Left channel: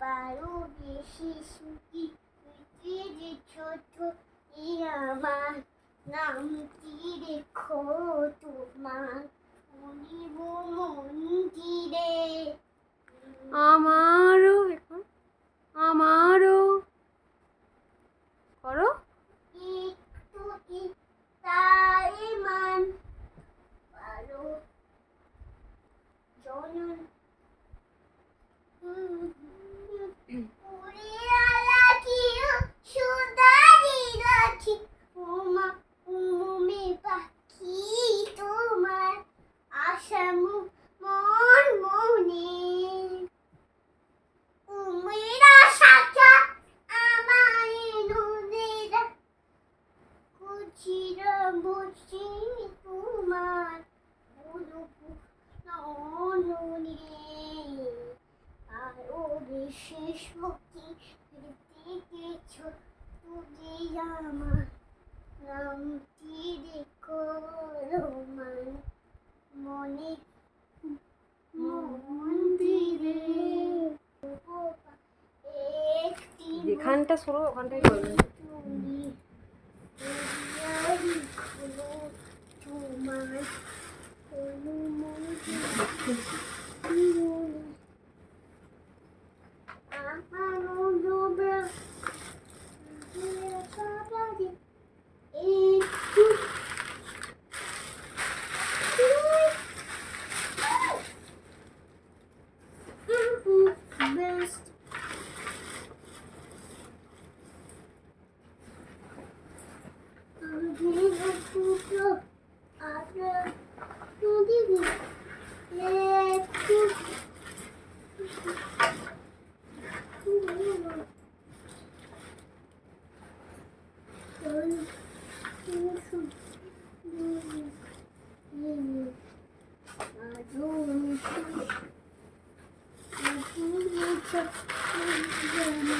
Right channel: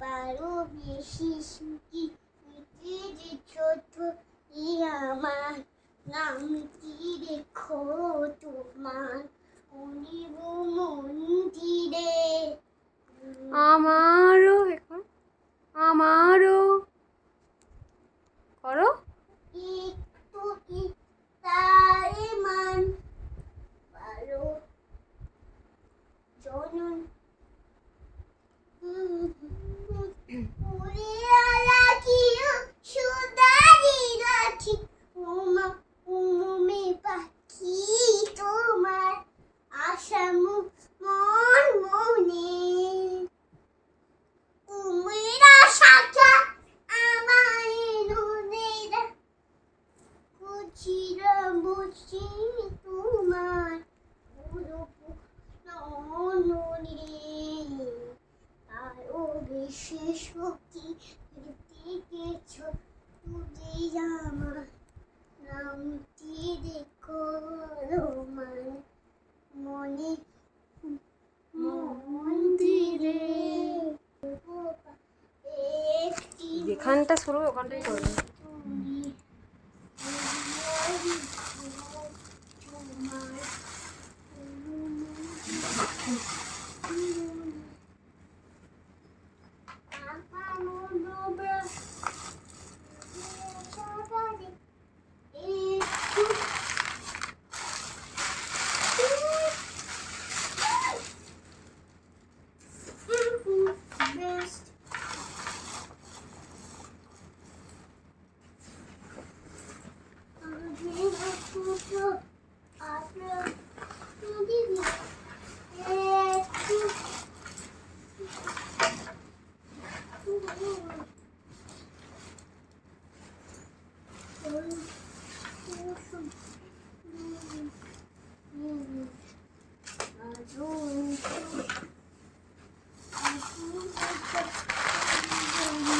পারো বেশি সুখী হইতে যে ছোট আমার নামটি রেখো তোমার মনিব মন্দিরে। আমারও এখন আমারও করো। একটু তাই মান পারো জনন উড়িয়া রাখিও সুদারি রাখি উমা উমে পাখি তোমার আশা মন মনে উমেরা শাখা আমার নদীরা কুচিরা বসি তোমার ননে আরো বেশি শক্তি দেখেছো তুমি আমার নামটি দেখো রোমান মনে মন্দিরে একটি যেখানটা শুরু ওখানটাই করবে। তুমি তোমার best I